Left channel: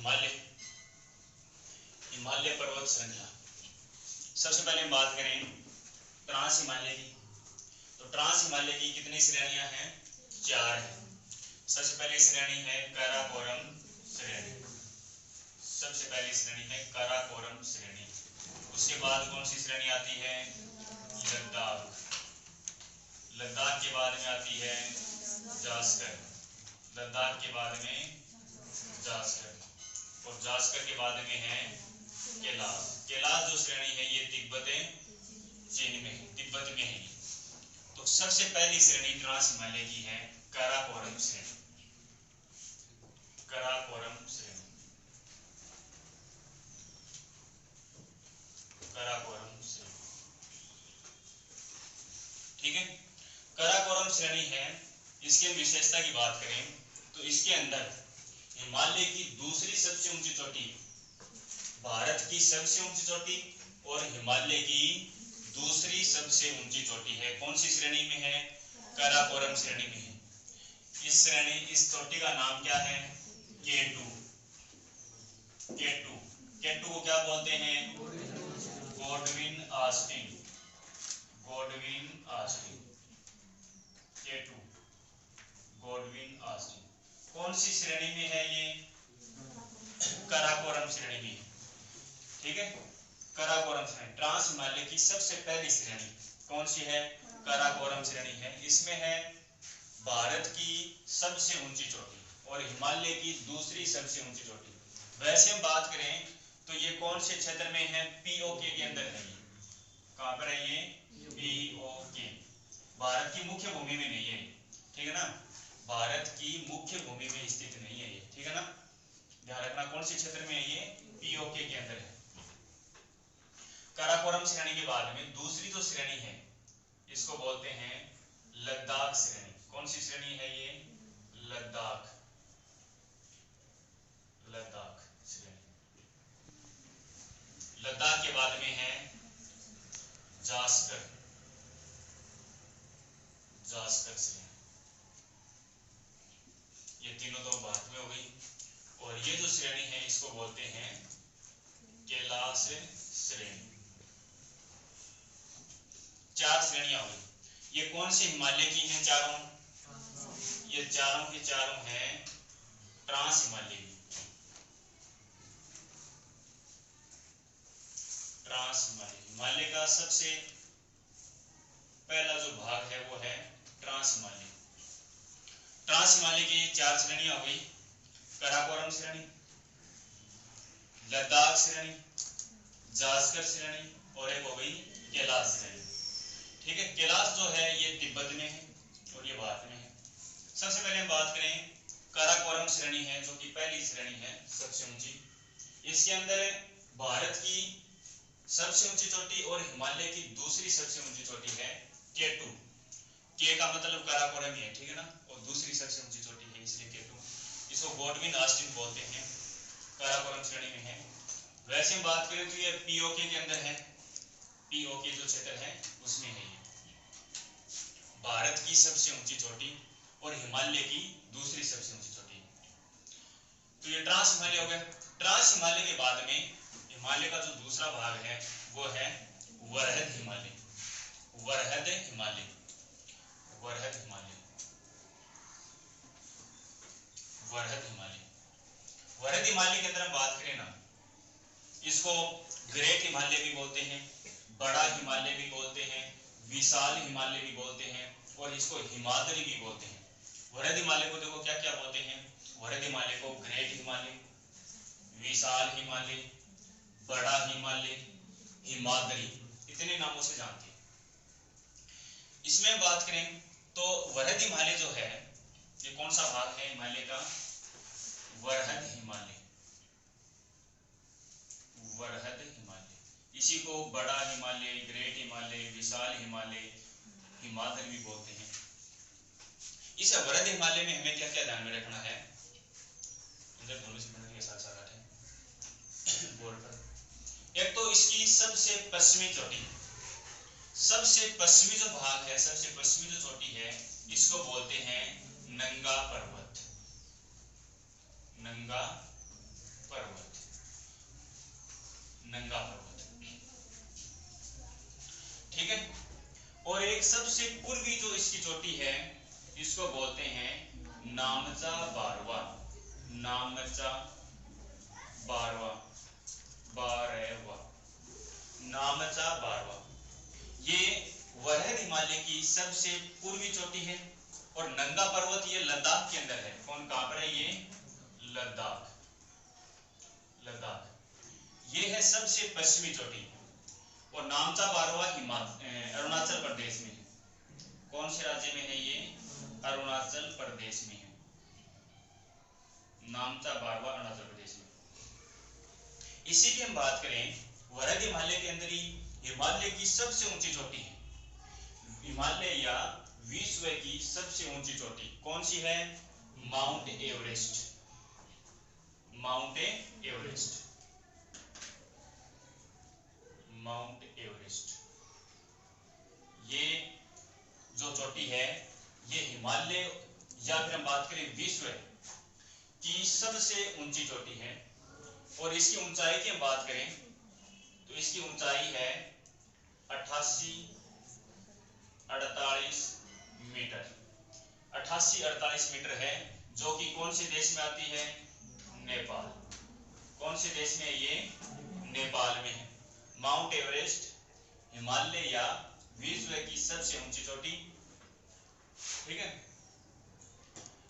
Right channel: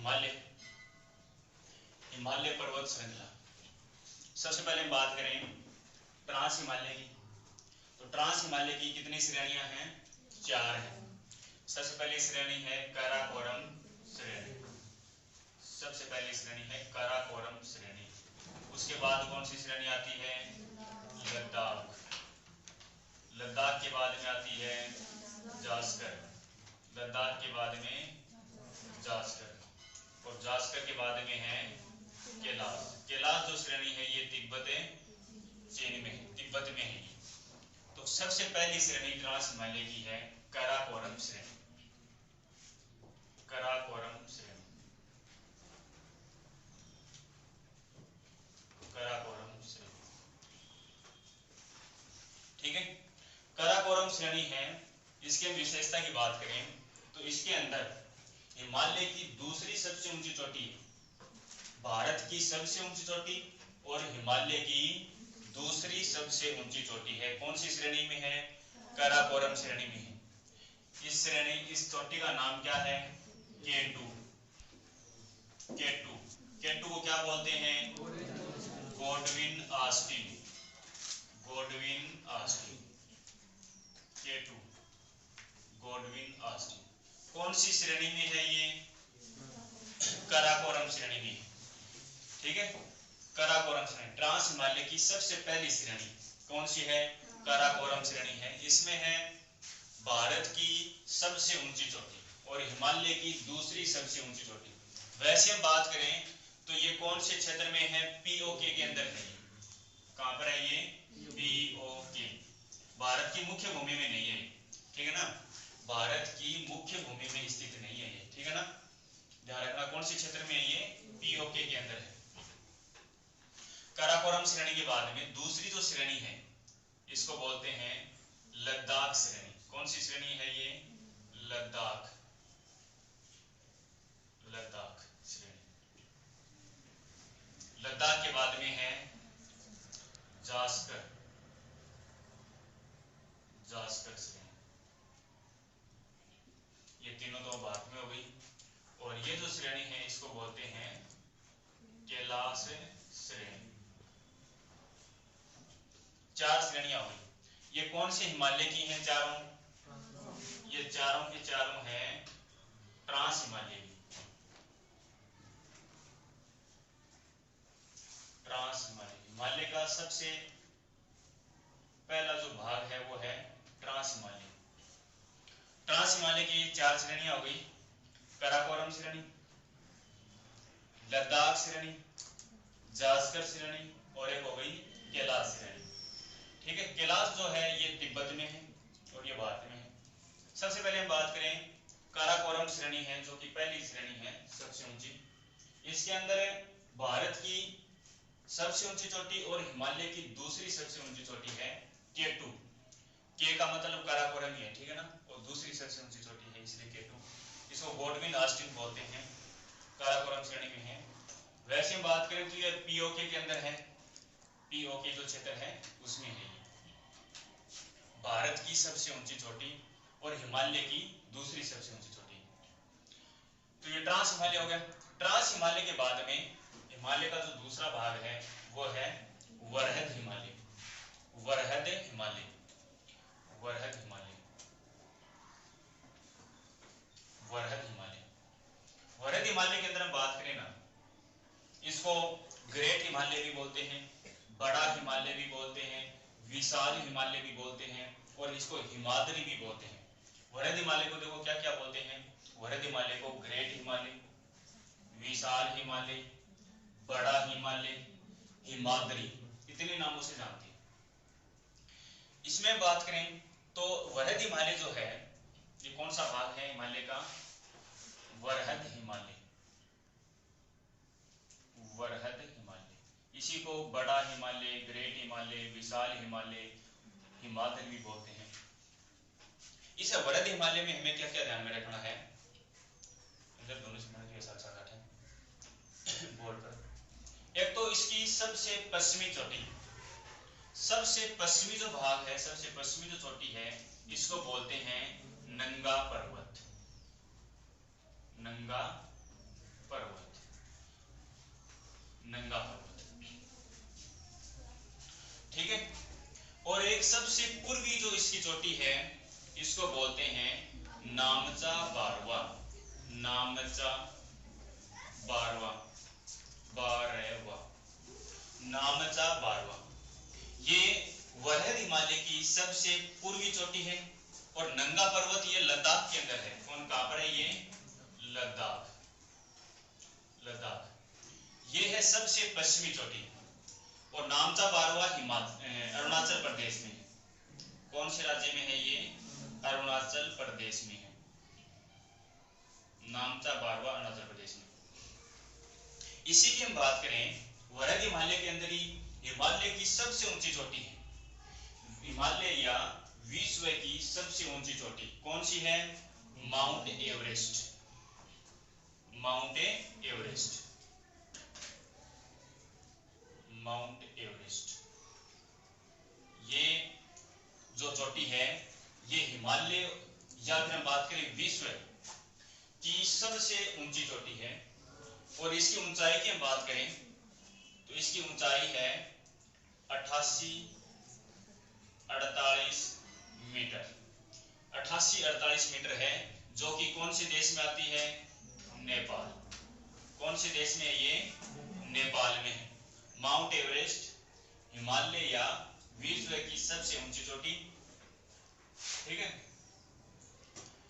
हिमालय, हिमालय पर्वत श्रृंखला। सबसे पहले हम बात करें ट्रांस हिमालय की। तो ट्रांस हिमालय की कितनी श्रेणियां हैं? 4 हैं। सबसे पहली श्रेणी है काराकोरम श्रेणी, सबसे पहली श्रेणी है काराकोरम श्रेणी। उसके बाद कौन सी श्रेणी आती है? लद्दाख। लद्दाख के बाद में आती है जास्कर, लद्दाख के बाद में जास्कर, और जास्कर के बाद में है कैलाश। कैलाश जो श्रेणी है ये तिब्बत चीन में है, तिब्बत में है। तो सबसे पहली श्रेणी ट्रांस हिमालय की है काराकोरम श्रेणी, काराकोरम श्रेणी, काराकोरम श्रेणी। ठीक है, काराकोरम श्रेणी है। इसके विशेषता की बात करें तो इसके अंदर हिमालय की दूसरी सबसे ऊंची चोटी, भारत की सबसे ऊंची चोटी और हिमालय की दूसरी सबसे ऊंची चोटी है। कौन सी श्रेणी में है? काराकोरम श्रेणी में है। इस श्रेणी, इस चोटी का नाम क्या है? K2। K2, K2 को क्या बोलते हैं? Godwin Austen, Godwin Austen, K2 Godwin Austen. कौन सी श्रेणी में है ये? काराकोरम श्रेणी में। ठीक है, काराकोरम श्रेणी ट्रांस हिमालय की सबसे पहली श्रेणी कौन सी है? काराकोरम श्रेणी है। इसमें है भारत की सबसे ऊंची चोटी और हिमालय की दूसरी सबसे ऊंची चोटी। वैसे हम बात करें तो ये कौन से क्षेत्र में है? पीओके के अंदर है। ये कहां पर है? ये पीओके, भारत की मुख्य भूमि में नहीं है। ठीक है ना, भारत की मुख्य भूमि में स्थित नहीं है ये। ठीक है ना, ध्यान रखना। कौन से क्षेत्र में है ये? पीओके के अंदर है। काराकोरम श्रेणी के बाद में दूसरी जो श्रेणी है इसको बोलते हैं लद्दाख श्रेणी। कौन सी श्रेणी है ये? लद्दाख, लद्दाख श्रेणी। लद्दाख के बाद में है जास्कर, जास्कर श्रेणी। ये तीनों तो भारत में हो गई। और ये जो श्रेणी है इसको बोलते हैं कैलाश श्रेणी। 4 श्रेणियां हुई। ये कौन से हिमालय की हैं? चारों, ये चारों के चारों हैं ट्रांस हिमालय की, ट्रांस हिमालय। हिमालय का सबसे पहला जो भाग है वो है ट्रांस हिमालय। ट्रांस हिमालय की 4 श्रेणियां हो गई। काराकोरम श्रेणी, लद्दाख श्रेणी, जास्कर श्रेणी और एक हो गई कैलाश श्रेणी। ठीक है, कैलाश जो है ये तिब्बत में है और ये भारत में है। सबसे पहले हम बात करें काराकोरम श्रेणी है जो कि पहली श्रेणी है, सबसे ऊंची। इसके अंदर भारत की सबसे ऊंची चोटी और हिमालय की दूसरी सबसे ऊंची चोटी है K2। K का मतलब काराकोरम ही है। ठीक है ना, और दूसरी सबसे ऊंची चोटी है इसलिए K2। इसको गॉडविन ऑस्टिन बोलते हैं, काराकोरम श्रेणी में है। वैसे हम बात करें तो ये पीओके के अंदर है, पीओके जो क्षेत्र है उसमें है। भारत की सबसे ऊंची चोटी और हिमालय की दूसरी सबसे ऊंची चोटी। तो ये ट्रांस हिमालय हो गया। ट्रांस हिमालय के बाद में हिमालय का जो दूसरा भाग है वो है वरहद हिमालय, वरहद हिमालय, वरहद हिमालय, वरहद हिमालय। वरहद हिमालय के अंदर हम बात करें ना, इसको ग्रेट हिमालय भी बोलते हैं, बड़ा हिमालय भी बोलते हैं, विशाल हिमालय भी बोलते हैं और इसको हिमाद्री भी बोलते हैं। वरहद हिमालय को देखो क्या क्या बोलते हैं? वरहद हिमालय को ग्रेट हिमालय, विशाल हिमालय, बड़ा हिमालय, हिमाद्री, इतने नामों से जानते हैं। इसमें बात करें तो वरहद हिमालय जो है ये कौन सा भाग है हिमालय का? वरहद हिमालय, वरहद हिमालय। इसी को बड़ा हिमालय, ग्रेट हिमालय, विशाल हिमालय, हिमाद्री भी बोलते हैं। इस वरहद हिमालय में हमें क्या क्या ध्यान में रखना है? अंदर दोनों से के साथ साथ है बोर्ड पर। एक तो इसकी सबसे पश्चिमी चोटी, सबसे पश्चिमी जो भाग है, सबसे पश्चिमी जो चोटी है इसको बोलते हैं नंगा पर्वत, नंगा पर्वत, नंगा पर्वत, ठीक है। और एक सबसे पूर्वी जो इसकी चोटी है इसको बोलते हैं नामचा बारवा, नामचा बारवा, बारवा, नामचा बारवा। ये वरहद हिमालय की सबसे पूर्वी चोटी है। और नंगा पर्वत ये लद्दाख के अंदर है। कौन कहां पर है? ये लद्दाख, लद्दाख ये है सबसे पश्चिमी चोटी। और नामचा बारवा अरुणाचल प्रदेश में है। कौन से राज्य में है? ये अरुणाचल प्रदेश में है। नामचा बारवा अरुणाचल प्रदेश में। इसी की हम बात करें, वरहद हिमालय के अंदर ही हिमालय की सबसे ऊंची चोटी है। हिमालय या विश्व की सबसे ऊंची चोटी कौन सी है? Mount Everest, mount Everest, mount Everest. ये जो चोटी है ये हिमालय या फिर हम बात करें विश्व की सबसे ऊंची चोटी है। और इसकी ऊंचाई की हम बात करें तो इसकी ऊंचाई है 88-48 मीटर, 88-48 मीटर है, जो कि कौन से देश में आती है? नेपाल। कौन से देश में? ये नेपाल में है। माउंट एवरेस्ट हिमालय या विश्व की सबसे ऊंची चोटी, ठीक है,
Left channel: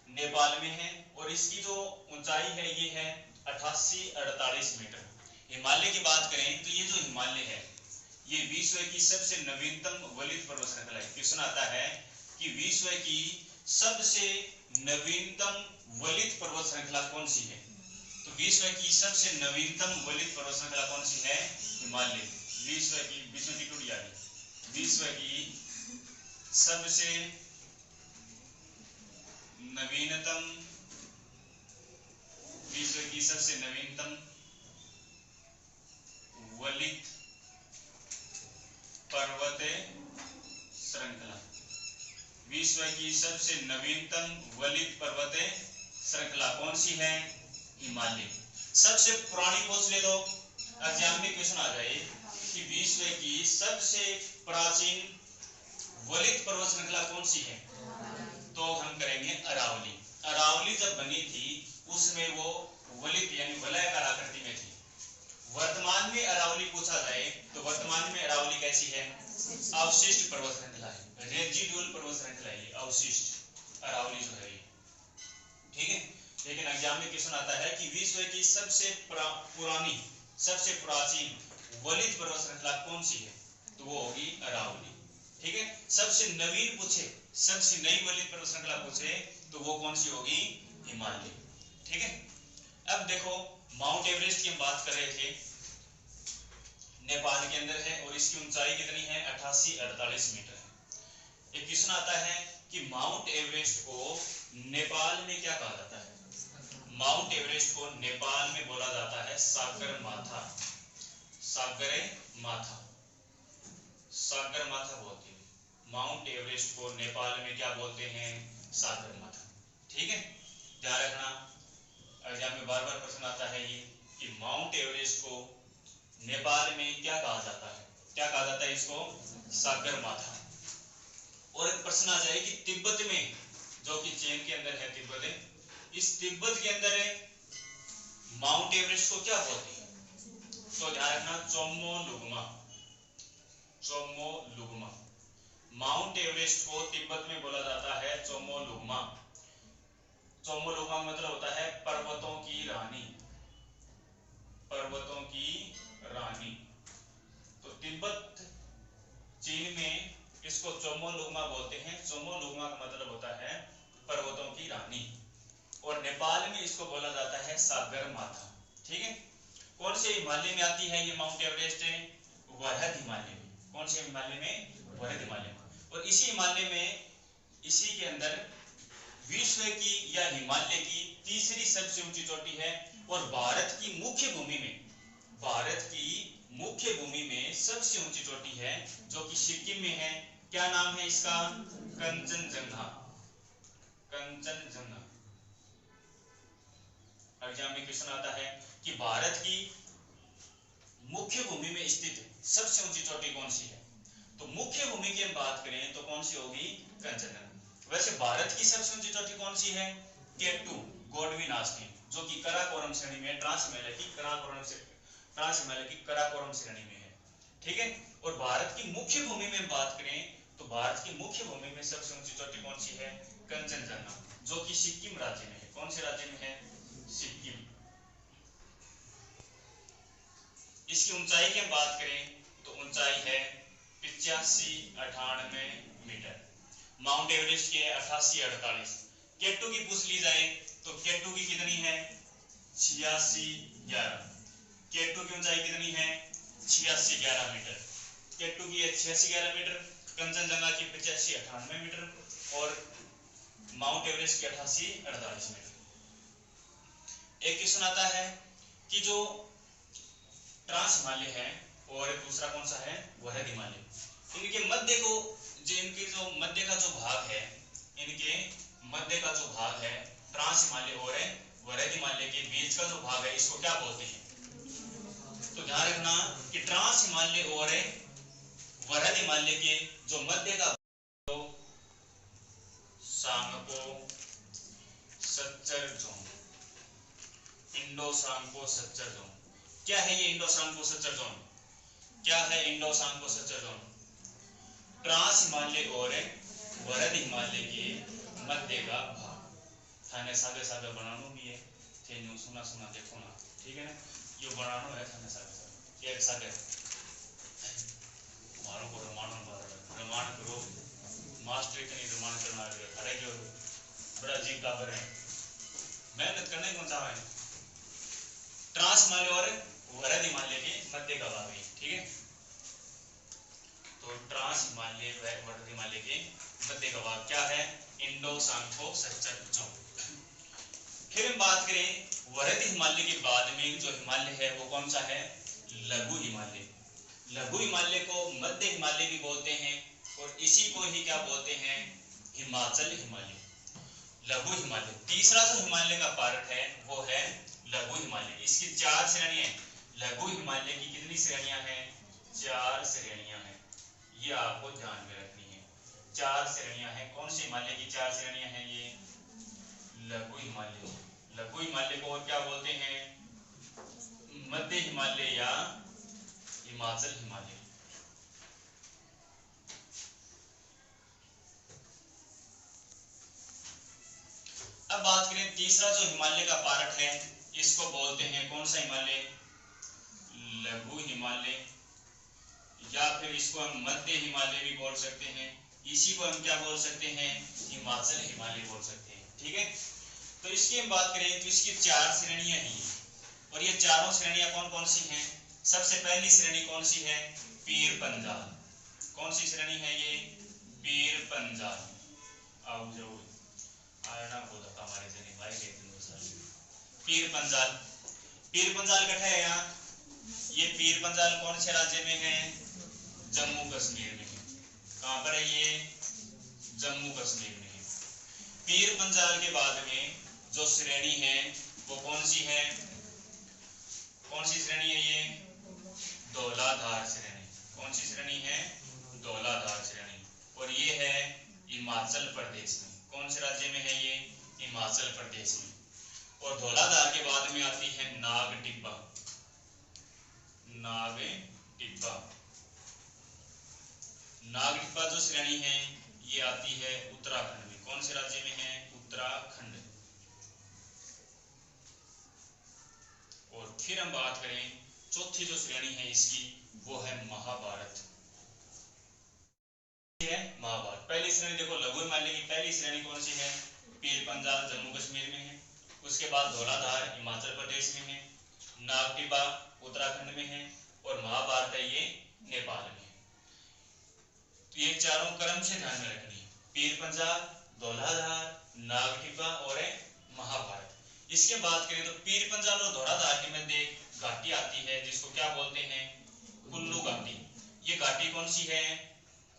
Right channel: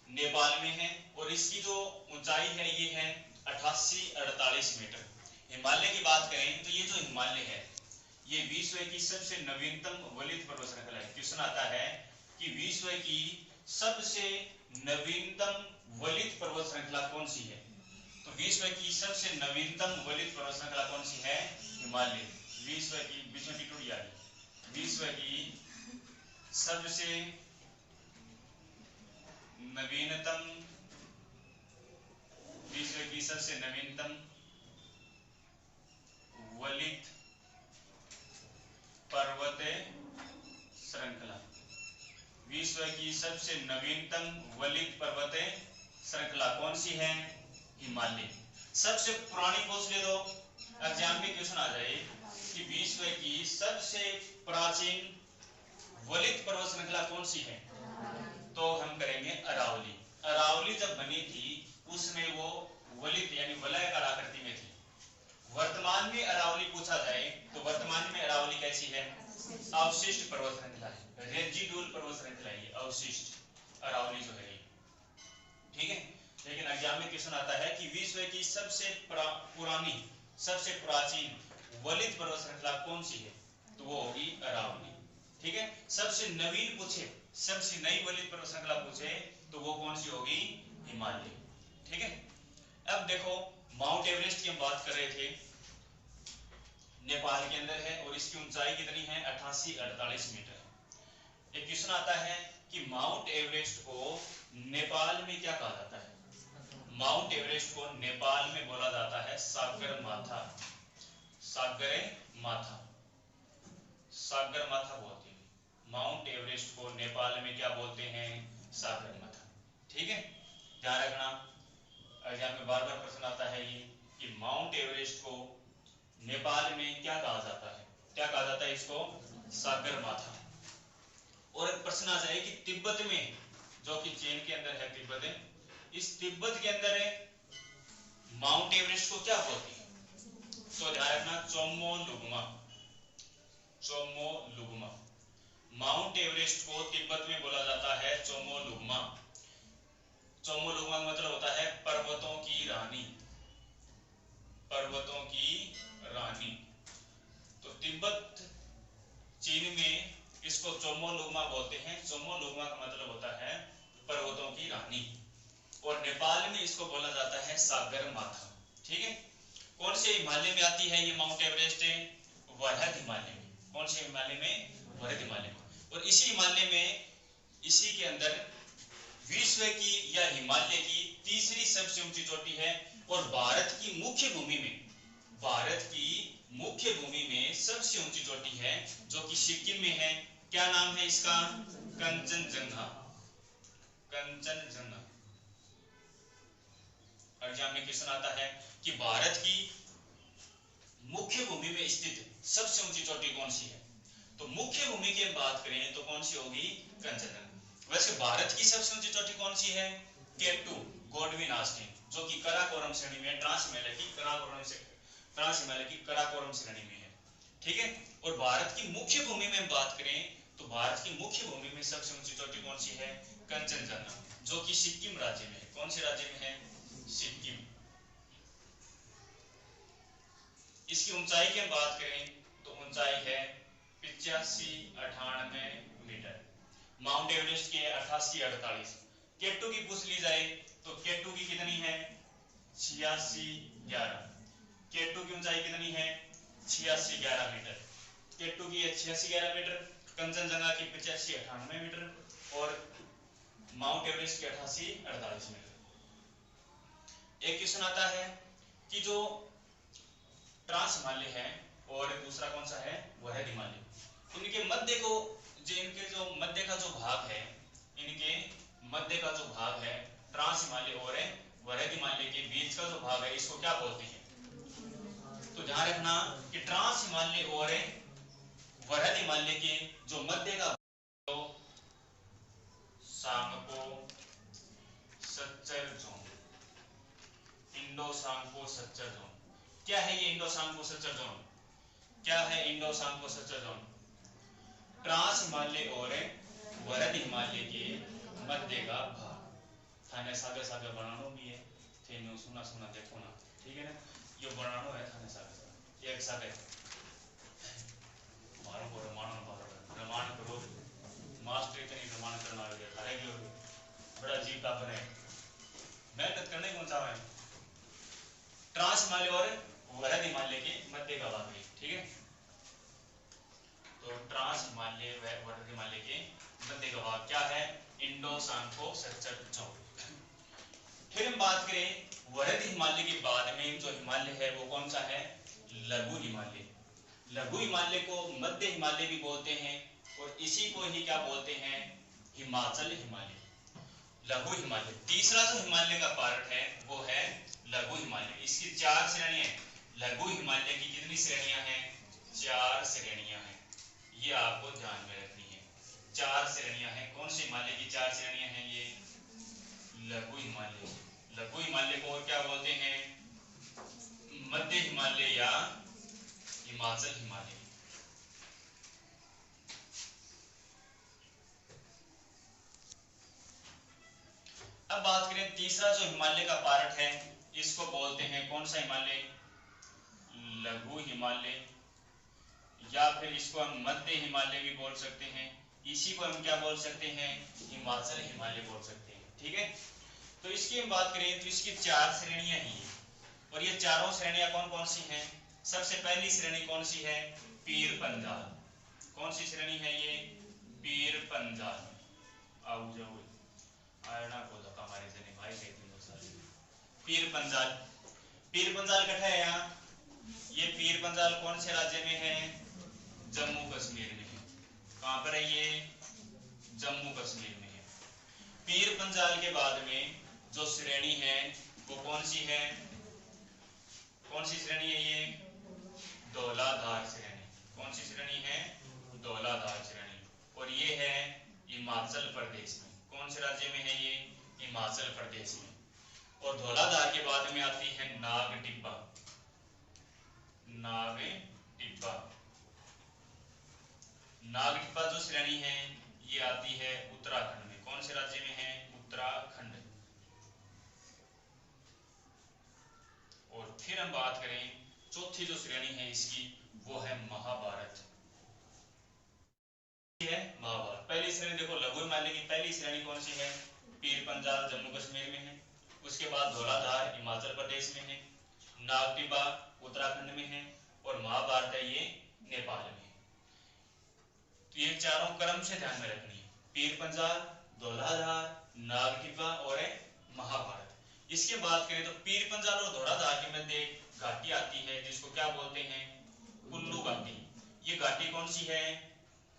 नेपाल में है। और इसकी जो ऊंचाई है ये है 88-48 मीटर। हिमालय की बात करें तो ये जो हिमालय है ये विश्व की सबसे नवीनतम वलित पर्वत श्रृंखला है। क्वेश्चन आता है कि विश्व की सबसे नवीनतम वलित पर्वत श्रृंखला कौन सी है? तो विश्व की सबसे नवीनतम वलित पर्वत श्रृंखला कौन सी है? हिमालय। विश्व की, विश्व की टूट जाएगी, विश्व की सबसे नवीनतम, विश्व की सबसे नवीनतम वलित पर्वत श्रृंखला, विश्व की सबसे नवीनतम वलित पर्वत श्रृंखला कौन सी है? हिमालय। सबसे पुरानी पूछ ले तो एग्जाम में क्वेश्चन आ जाए कि विश्व की सबसे प्राचीन वलित पर्वत श्रृंखला कौन सी है? तो हम करेंगे अरावली। अरावली जब बनी थी उसमें वो वलित यानी वलयाकार आकृति में थी। वर्तमान में अरावली पूछा जाए तो वर्तमान में अरावली कैसी है? अवशिष्ट पर्वत श्रृंखला है, रेजिडुअल पर्वत श्रृंखला है, अवशिष्ट अरावली जो है ये, ठीक है। लेकिन एग्जाम में क्वेश्चन आता है कि विश्व की सबसे पुरानी, सबसे प्राचीन वलित पर्वत श्रृंखला कौन सी है? तो वो होगी अरावली, ठीक है। सबसे नवीन पूछे, सबसे नई वलित पर्वत श्रृंखला पूछे तो वो कौन सी होगी? हिमालय, ठीक है। अब देखो माउंट एवरेस्ट की हम बात कर रहे थे, नेपाल के अंदर है और इसकी ऊंचाई कितनी है? 88-48 मीटर है। एक क्वेश्चन आता है कि माउंट एवरेस्ट को नेपाल में क्या कहा जाता है? माउंट एवरेस्ट को नेपाल में बोला जाता है सागरमाथा, सागरमाथा, सागरमाथा बोलते हैं। माउंट एवरेस्ट को नेपाल में क्या बोलते हैं? सागरमाथा, ठीक है, ध्यान रखना। एग्जाम में बार बार प्रश्न आता है ये कि माउंट एवरेस्ट को नेपाल में क्या कहा जाता है? क्या कहा जाता है इसको? सागरमाथा। और एक प्रश्न आ जाए कि तिब्बत में, जो कि चीन के अंदर है तिब्बत, इस तिब्बत के अंदर माउंट एवरेस्ट को क्या बोलते हैं? तो ध्यान रखना, चोमोलुंगमा, चोमोलुंगमा। माउंट एवरेस्ट को तिब्बत में बोला जाता है चोमोलुंगमा। चोमोलुंगमा मतलब होता है पर्वतों की रानी, पर्वतों की रानी। तो तिब्बत चीन में इसको चोमोलुंगमा बोलते हैं। चोमोलुंगमा का मतलब होता है पर्वतों की रानी। और नेपाल में इसको बोला जाता है सागरमाथा, ठीक है। कौन से हिमालय में आती है ये माउंट एवरेस्ट? वरहद हिमालय में। कौन से हिमालय में? वरहद हिमालय में। और इसी हिमालय में, इसी के अंदर विश्व की या हिमालय की तीसरी सबसे ऊंची चोटी है। और भारत की मुख्य भूमि में, भारत की मुख्य भूमि में सबसे ऊंची चोटी है जो कि सिक्किम में है। क्या नाम है इसका? कंचनजंगा, कंचनजंगा। एग्जाम में क्वेश्चन आता है कि भारत की मुख्य भूमि में स्थित सबसे ऊंची चोटी कौन सी है? तो मुख्य भूमि की हम बात करें तो कौन सी होगी? कंचनजंगा। वैसे भारत की सबसे ऊंची चोटी कौन सी है? केटू गोडविन आस्तीन, जो कि कराकोरम श्रेणी में ट्रांस हिमालय की कराकोरम श्रेणी में है। ठीक है। और भारत की मुख्य भूमि में बात करें तो भारत की मुख्य भूमि में सबसे ऊंची चोटी कौन सी है? कंचनजंगा, जो कि सिक्किम राज्य में है। कौन से राज्य में है? सिक्किम। इसकी ऊंचाई की हम बात करें तो ऊंचाई है 85-98 मीटर। माउंट एवरेस्ट के 88-48। केटू की पूछ ली जाए तो केटू की कितनी है? 86-11। केटू की ऊंचाई कितनी है? 86-11 मीटर। केटू की 86-11 मीटर, कंचनजंगा की 85-98 मीटर और माउंट एवरेस्ट की 88-48 मीटर। एक क्वेश्चन आता है कि जो ट्रांस हिमालय है और दूसरा कौन सा है? वह हिमालय। इनके मध्य को इनके जो मध्य का जो भाग है, इनके मध्य का जो भाग है ट्रांस हिमालय और वरद हिमालय के बीच का जो भाग है, इसको क्या बोलते हैं? तो ध्यान रखना कि ट्रांस हिमालय और वरद हिमालय के जो मध्य का तो Tsangpo suture zone, Indo Tsangpo suture zone. क्या है ये इंडो सांगपो सच्चर जोन? क्या है Indo Tsangpo suture zone? Trans Himalaya और वरद हिमालय के मध्य का भाग। थाने सागे सागे बनानो भी है, थे सुना सुना देखो ना, ठीक है ना। यो बनानो है थाने सागे एक सागे मारो को रमानो रमान करो मास्टर इतनी रमान करना है थारे जो बड़ा अजीब टाबर है, मेहनत करने कौन चाहे। ट्रांस हिमालय और वरद हिमालय के मध्य का भाग है, ठीक है। तो ट्रांस हिमालय व वरद हिमालय के मध्य का भाग क्या है? Indo Tsangpo suture zone. फिर हम बात करें वरद हिमालय के बाद में जो हिमालय है वो कौन सा है? लघु हिमालय। लघु हिमालय को मध्य हिमालय भी बोलते हैं और इसी को ही क्या बोलते हैं? हिमाचल हिमालय। लघु हिमालय। तीसरा जो हिमालय का पार्ट है वो है लघु हिमालय। इसकी 4 श्रेणियां हैं। लघु हिमालय की कितनी श्रेणियां हैं? 4 श्रेणियां हैं। ये आपको ध्यान में रखनी है। 4 श्रेणियां हैं। कौन सी हिमालय की 4 श्रेणियां हैं? ये लघु हिमालय। लघु हिमालय को और क्या बोलते हैं? मध्य हिमालय या हिमाचल हिमालय। अब बात करें तीसरा जो हिमालय का पार्ट है, इसको बोलते हैं कौन सा हिमालय? लघु हिमालय, या फिर इसको हम मध्य हिमालय भी बोल सकते हैं। इसी को हम क्या बोल सकते हैं? हिमाचल हिमालय बोल सकते हैं, ठीक है। तो इसकी हम बात करें तो इसकी 4 श्रेणियां हैं और ये चारों श्रेणियां कौन कौन सी हैं? सबसे पहली श्रेणी कौन सी है? पीर पंजाल। कौन सी श्रेणी है ये? पीर पंजाल। आओ जाओ आयना को धक्का मारे जने भाई के दिन सारे। पीर पंजाल। पीर पंजाल कठा है यहाँ। ये पीर पंजाल कौन से राज्य में है? जम्मू कश्मीर में है। कहां पर है ये? जम्मू कश्मीर में है। पीर पंजाल के बाद में जो श्रेणी है वो कौन सी है? कौन सी श्रेणी है ये? धौलाधार श्रेणी। कौन सी श्रेणी है? धौलाधार श्रेणी। और ये है हिमाचल प्रदेश में। कौन से राज्य में है ये? हिमाचल प्रदेश में। और धौलाधार के बाद में आती है नाग टिब्बा। नाग टिब्बा। नाग टिब्बा जो श्रेणी है ये आती है उत्तराखंड में। कौन से राज्य में है? उत्तराखंड। और फिर हम बात करें चौथी जो श्रेणी है इसकी वो है महाभारत। है महाभारत। पहली श्रेणी देखो लघु हिमालय की पहली श्रेणी कौन सी है? पीर पंजाल जम्मू कश्मीर में है। उसके बाद धौलाधार हिमाचल प्रदेश में है। नाग टिब्बा उत्तराखंड में है और महाभारत है ये नेपाल में है। तो ये चारों क्रम से ध्यान में रखनी है। पीर पंजाल, धौलाधार, नाग टिब्बा और महाभारत। इसके बात करें तो पीर पंजाल और धौलाधार के मध्य एक घाटी आती है जिसको क्या बोलते हैं? कुल्लू घाटी। ये घाटी कौन सी है?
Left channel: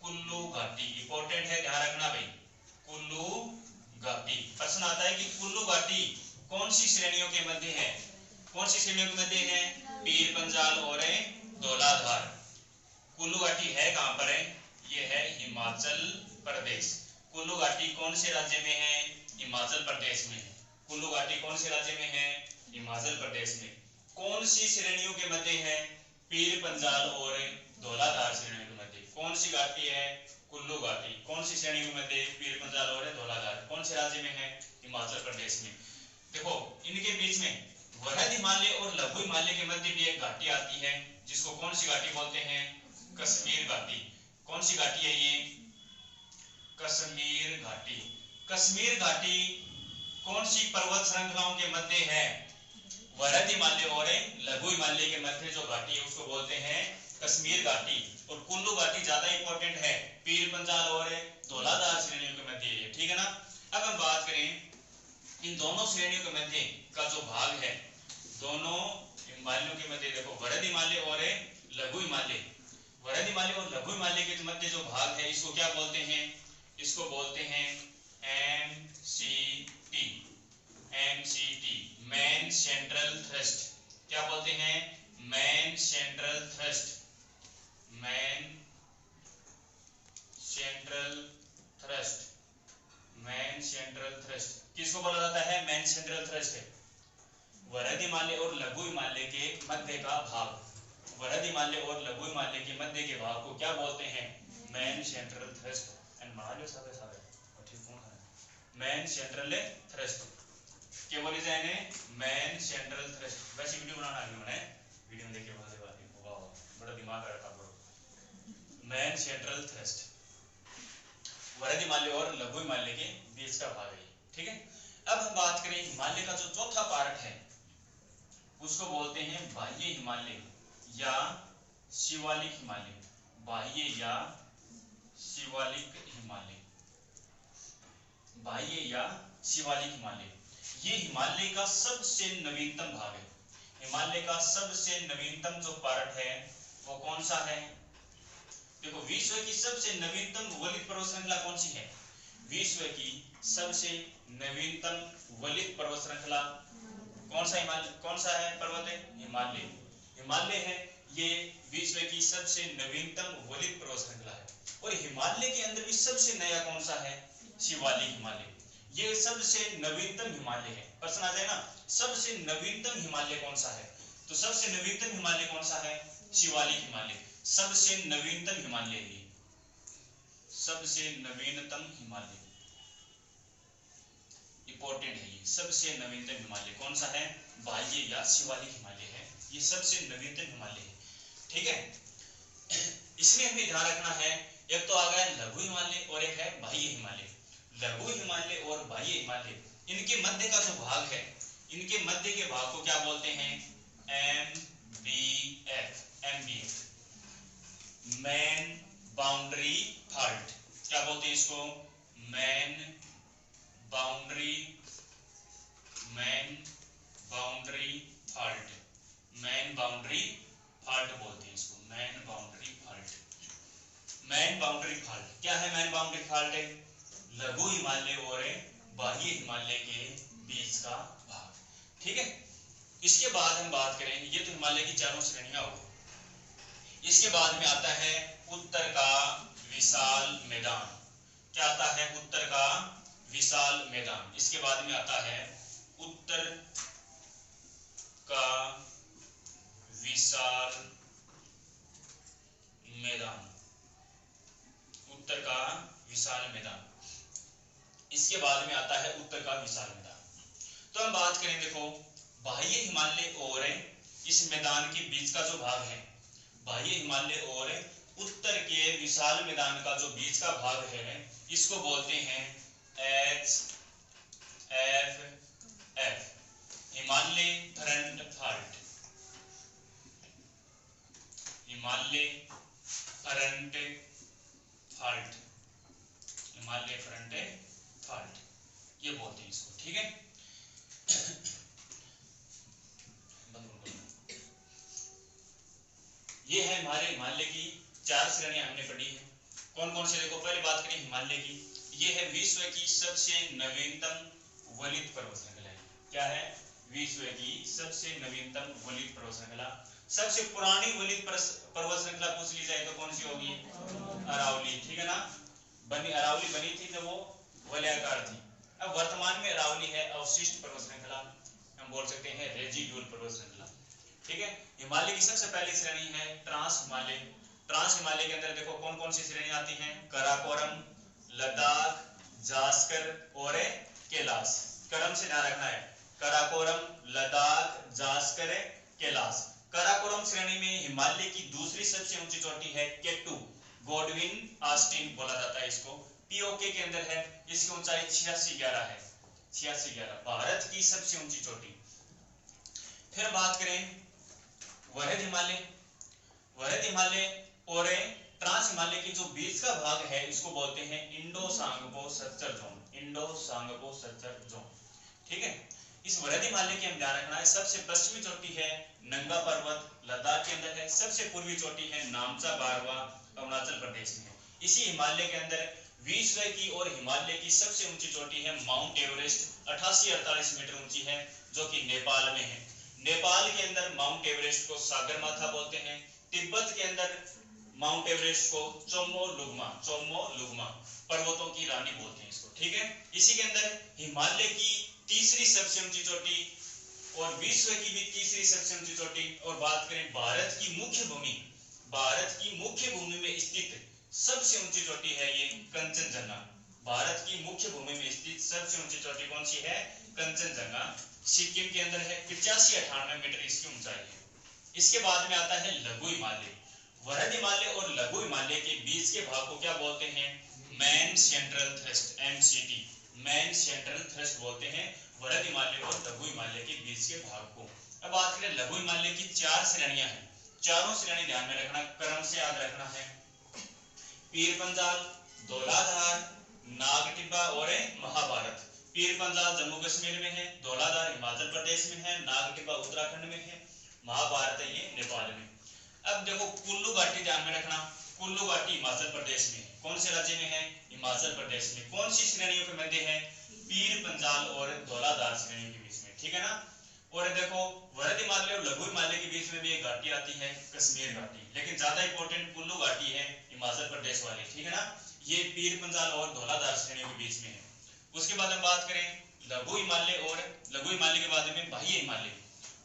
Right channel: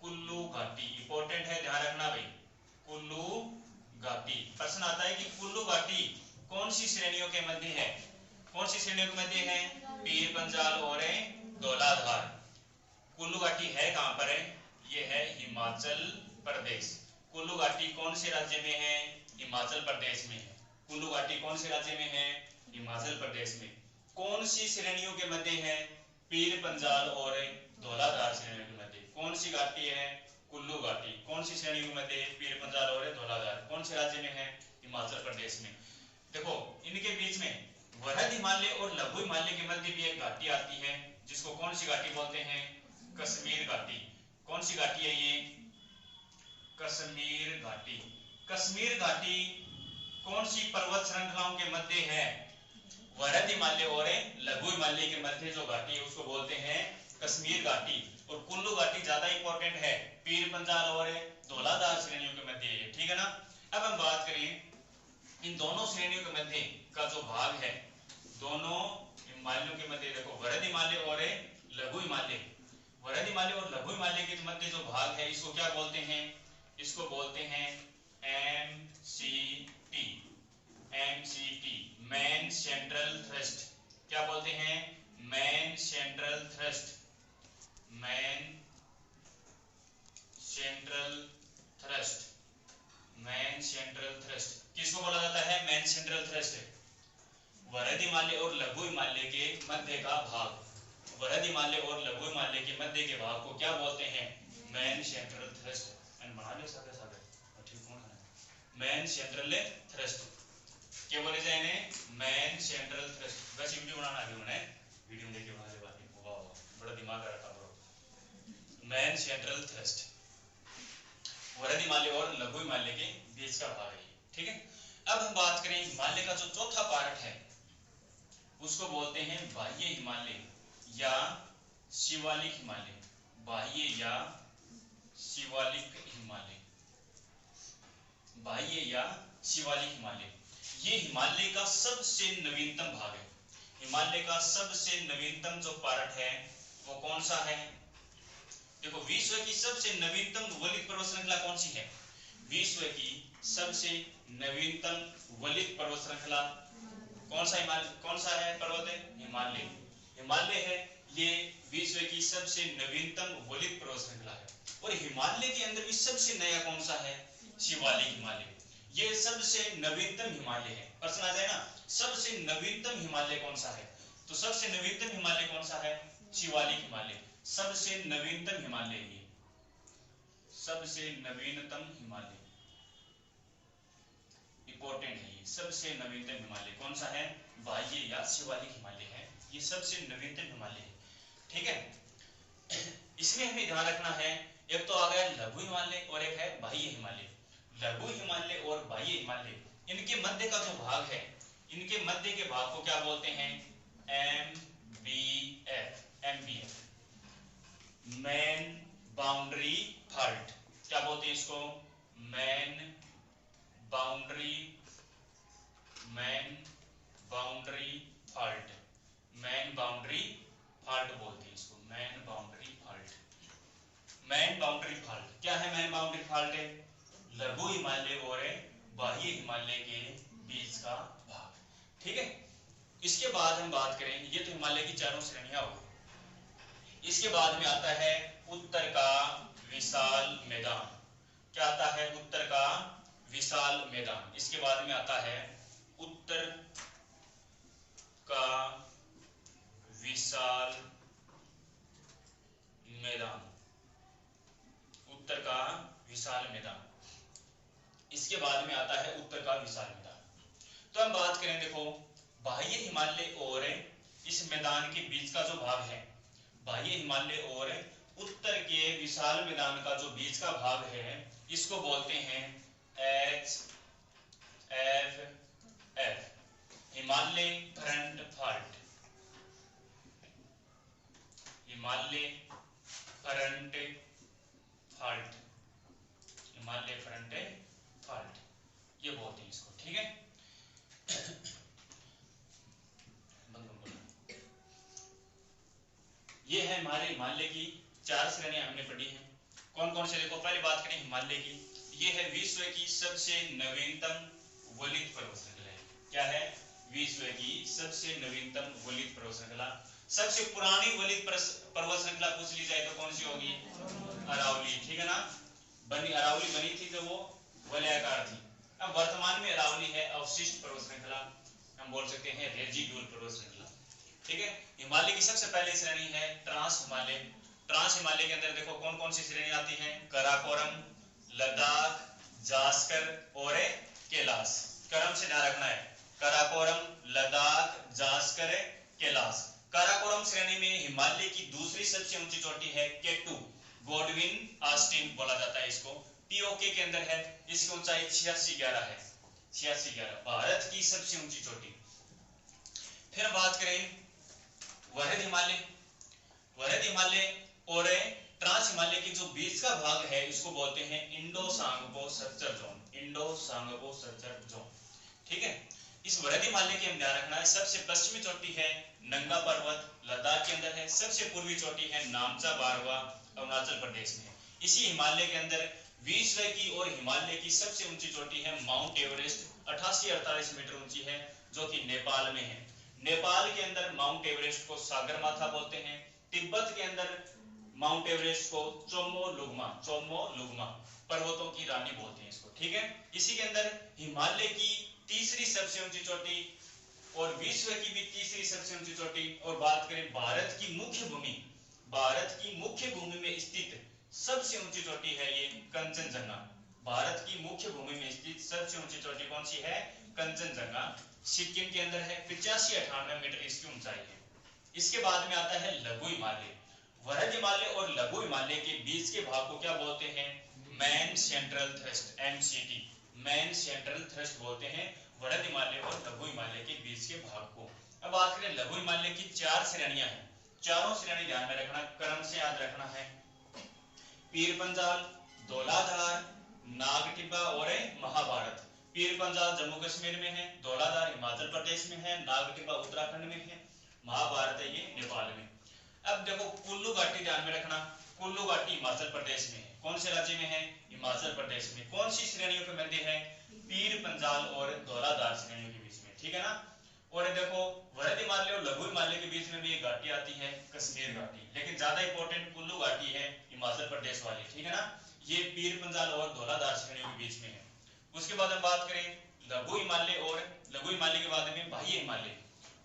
कुल्लू घाटी। इंपॉर्टेंट है, ध्यान रखना भाई। कुल्लू घाटी। प्रश्न आता है कि कुल्लू घाटी कौन सी श्रेणियों के मध्य है? कौन सी श्रेणियों के मध्य है? पीर पंजाल और धौलाधार। कुल्लू घाटी है कहां पर है? ये है हिमाचल प्रदेश। कुल्लू घाटी कौन से राज्य में है? हिमाचल प्रदेश में है। कुल्लू घाटी कौन से राज्य में है? हिमाचल प्रदेश में। कौन सी श्रेणियों के मध्य है? पीर पंजाल और धौलाधार श्रेणियों के मध्य। कौन सी घाटी है? कुल्लू घाटी। कौन सी श्रेणियों के मध्य? पीर पंजाल और धौलाधार। कौन से राज्य में है? हिमाचल प्रदेश में। देखो इनके बीच में वृहद हिमालय और लघु हिमालय के मध्य भी एक घाटी आती है, जिसको कौन सी घाटी बोलते हैं? कश्मीर घाटी। कौन सी घाटी है ये? कश्मीर घाटी। कश्मीर घाटी कौन सी पर्वत श्रृंखलाओं के मध्य है? वृहद हिमालय और लघु हिमालय के मध्य जो घाटी है उसको बोलते हैं कश्मीर घाटी। और कुल्लू घाटी ज्यादा इंपॉर्टेंट है, पीर पंजाल और धौलाधार श्रेणियों के मध्य है, ठीक है ना। अब हम बात करें इन दोनों श्रेणियों के मध्य का जो भाग है, दोनों हिमालयों के मध्य, देखो वृहद हिमालय और लघु हिमालय, वृहद हिमालय और लघु हिमालय के मध्य जो भाग है इसको क्या बोलते हैं? इसको बोलते हैं MCT। MCT main central thrust. क्या बोलते हैं? Main central thrust. Main central thrust. Main central thrust किसको बोला जाता है? Main central thrust. वृहद हिमालय और लघु हिमालय के मध्य का भाग, वृहद हिमालय और लघु हिमालय के मध्य के भाग को क्या बोलते हैं? Main central thrust. एंड मान लो सारे सारे ठीक कौन है? मेन सेंट्रल थ्रस्ट क्या बोले जाए? Main central thrust. वैसे वीडियो बनाना आगे मैंने वीडियो में देखे वाले बात वाह बड़ा दिमाग रखा ब्रो। मेन सेंट्रल थ्रस्ट वृहद हिमालय और लघु हिमालय के बीच का भाग है, ठीक है। अब हम बात करें हिमालय का जो चौथा पार्ट है उसको बोलते हैं बाह्य हिमालय या शिवालिक हिमालय। बाह्य या शिवालिक हिमालय। बाह्य या शिवालिक हिमालय ये हिमालय का सबसे नवीनतम भाग है। हिमालय का सबसे नवीनतम जो पार्ट है वो कौन सा है? देखो विश्व की सबसे नवीनतम वलित पर्वत श्रृंखला कौन सी है? विश्व की सबसे नवीनतम वलित पर्वत श्रृंखला कौन सा हिमालय, कौन सा है पर्वत है? हिमालय। हिमालय है ये विश्व की सबसे नवीनतम वलित पर्वत श्रृंखला है। और हिमालय के अंदर भी सबसे नया कौन सा है? शिवालिक हिमालय। ये सबसे नवीनतम हिमालय है। प्रश्न आ जाए ना, सबसे नवीनतम हिमालय कौन सा है? तो सबसे नवीनतम हिमालय कौन सा है? शिवालिक हिमालय। सबसे नवीनतम हिमालय है, सबसे नवीनतम हिमालय इंपॉर्टेंट है। ये सबसे नवीनतम हिमालय कौन सा है? बाह्य या शिवालिक हिमालय है, ये सबसे नवीनतम हिमालय है, ठीक है। इसमें हमें ध्यान रखना है, एक तो आ गया लघु हिमालय और एक है बाह्य हिमालय। लघु हिमालय और बाह्य हिमालय इनके मध्य का जो भाग है, इनके मध्य के भाग को क्या बोलते हैं? MBF। MBF main boundary fault. क्या बोलते हैं इसको? Main boundary, main boundary fault. Main boundary fault बोलते हैं इसको, main boundary fault. Main boundary fault क्या है? मेन बाउंड्री फॉल्ट है लघु हिमालय और बाह्य हिमालय के बीच का भाग, ठीक है। इसके बाद हम बात करें, ये तो हिमालय की चारों श्रेणियां हो गई। इसके बाद में आता है उत्तर का विशाल मैदान। क्या आता है? उत्तर का विशाल मैदान। इसके बाद में आता है उत्तर का विशाल मैदान। उत्तर का विशाल मैदान। इसके बाद में आता है उत्तर का विशाल मैदान। तो हम बात करें, देखो बाह्य हिमालय और इस मैदान के बीच का जो भाग है, बाह्य हिमालय और उत्तर के विशाल मैदान का जो बीच का भाग है, इसको बोलते हैं HFF Himalaya front fault. Himalaya front fault. Himalaya front fault ये बोलते हैं इसको, ठीक है। ये है हमारे हिमालय की चार श्रेणियां हमने पढ़ी है। कौन कौन से? देखो पहले बात करें हिमालय की, ये है विश्व की सबसे नवीनतम वलित पर्वत श्रृंखला है। क्या है? विश्व की सबसे नवीनतम वलित पर्वत श्रृंखला। सबसे पुरानी वलित पर्वत श्रृंखला पूछ ली जाए तो कौन सी होगी? अरावली, ठीक है ना। अरावली बनी थी जब वो वलयाकार थी। अब वर्तमान में अरावली है अवशिष्ट पर्वत श्रृंखला, हम बोल सकते हैं रेजिडुअल पर्वत श्रृंखला, ठीक है। हिमालय की सबसे पहली श्रेणी है ट्रांस हिमालय। ट्रांस हिमालय के अंदर देखो कौन कौन सी श्रेणी आती हैं? काराकोरम, लद्दाख, जास्कर और कैलाश। क्रम से ध्यान रखना है, काराकोरम, लद्दाख, जास्कर, कैलाश। काराकोरम श्रेणी में हिमालय की दूसरी सबसे ऊंची चोटी है केटू, गॉडविन ऑस्टिन बोला जाता है इसको, पीओके के अंदर है। इसकी ऊंचाई 8611 है, 8611, भारत की सबसे ऊंची चोटी। फिर बात करें वरद हिमालय। वरद हिमालय और ट्रांस हिमालय की जो बीच का भाग है इसको बोलते हैं इंडो सांगपो सत्तर जोन, इंडो सांगपो सत्तर जोन, ठीक है। इस वरद हिमालय की हम ध्यान रखना है, सबसे पश्चिमी चोटी है नंगा पर्वत, लद्दाख के अंदर है। सबसे पूर्वी चोटी है नामचा बारवा, अरुणाचल प्रदेश में है। इसी हिमालय के अंदर विश्व की और हिमालय की सबसे ऊंची चोटी है माउंट एवरेस्ट, 88-48 मीटर ऊंची है, जो कि नेपाल में है। नेपाल के अंदर माउंट एवरेस्ट को सागरमाथा बोलते हैं। तिब्बत के अंदर माउंट एवरेस्ट को चोमोलुंगमा, चोमोलुंगमा, पर्वतों की रानी बोलते हैं इसको, ठीक है। इसी के अंदर हिमालय की तीसरी सबसे ऊंची चोटी और विश्व की भी तीसरी सबसे ऊंची चोटी। और बात करें भारत की मुख्य भूमि, भारत की मुख्य भूमि में स्थित सबसे ऊंची चोटी है ये कंचनजंगा। भारत की मुख्य भूमि में स्थित सबसे ऊंची चोटी कौन सी है? कंचनजंगा, सिक्किम के अंदर है, 85-98 मीटर इसकी ऊंचाई है। इसके बाद में आता है लघु हिमालय। वरद हिमालय और लघु हिमालय के बीच के भाग को क्या बोलते हैं? Main central thrust, MCT, main central thrust बोलते हैं वरद हिमालय और लघु हिमालय के बीच के भाग को। अब बात करें लघु हिमालय की 4 श्रेणियां हैं, चारों श्रेणी ध्यान में रखना, क्रम से याद रखना है। पीर पंजाल, धौलाधार, नागटिब्बा और महाभारत। पीर पंजाल जम्मू कश्मीर में है, धौलाधार हिमाचल प्रदेश में है, नागटिब्बा उत्तराखंड में है, महाभारत है ये नेपाल में। अब देखो कुल्लू घाटी ध्यान में रखना, कुल्लू घाटी हिमाचल प्रदेश में है। कौन से राज्य में है? हिमाचल प्रदेश में। कौन सी श्रेणियों के मध्य है? पीर पंजाल और धौलाधार श्रेणियों के बीच में, ठीक है ना। और देखो वरद हिमालय और लघु हिमालय के बीच में भी एक घाटी आती है कश्मीर घाटी, लेकिन ज्यादा इंपॉर्टेंट कुल्लू घाटी है हिमाचल प्रदेश वाली, ठीक है ना। ये पीर पंजाल और धौलाधार श्रेणियों के बीच में है। उसके बाद हम बात करें लघु हिमालय और लघु हिमालय के बाद में बाह्य हिमालय।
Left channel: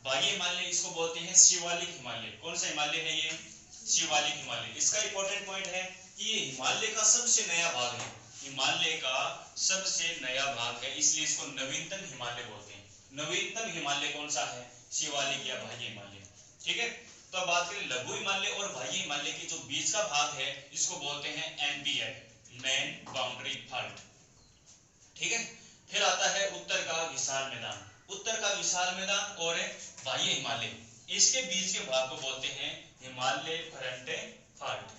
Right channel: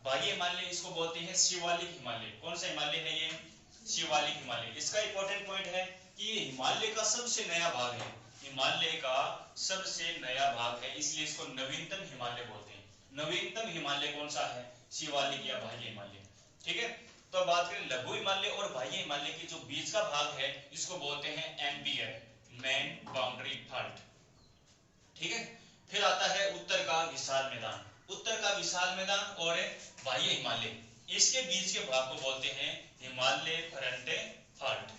बाह्य हिमालय इसको बोलते हैं शिवालिक हिमालय। कौन सा हिमालय है ये? शिवालिक हिमालय। इसका इंपॉर्टेंट पॉइंट है कि ये हिमालय का सबसे नया भाग है, हिमालय का सबसे नया भाग है, इसलिए इसको नवीनतम हिमालय बोलते हैं। नवीनतम हिमालय कौन सा है? शिवालिक या बाह्य हिमालय, ठीक है। तो बात करें लघु हिमालय और बाह्य हिमालय के जो बीच का भाग है इसको बोलते हैं एमबीएफ, मेन बाउंड्री फॉल्ट, ठीक है। फिर आता है उत्तर का विशाल मैदान। उत्तर का विशाल मैदान और बाह्य हिमालय, इसके बीच के भाग को बोलते हैं हिमालय फ्रंट फॉल्ट,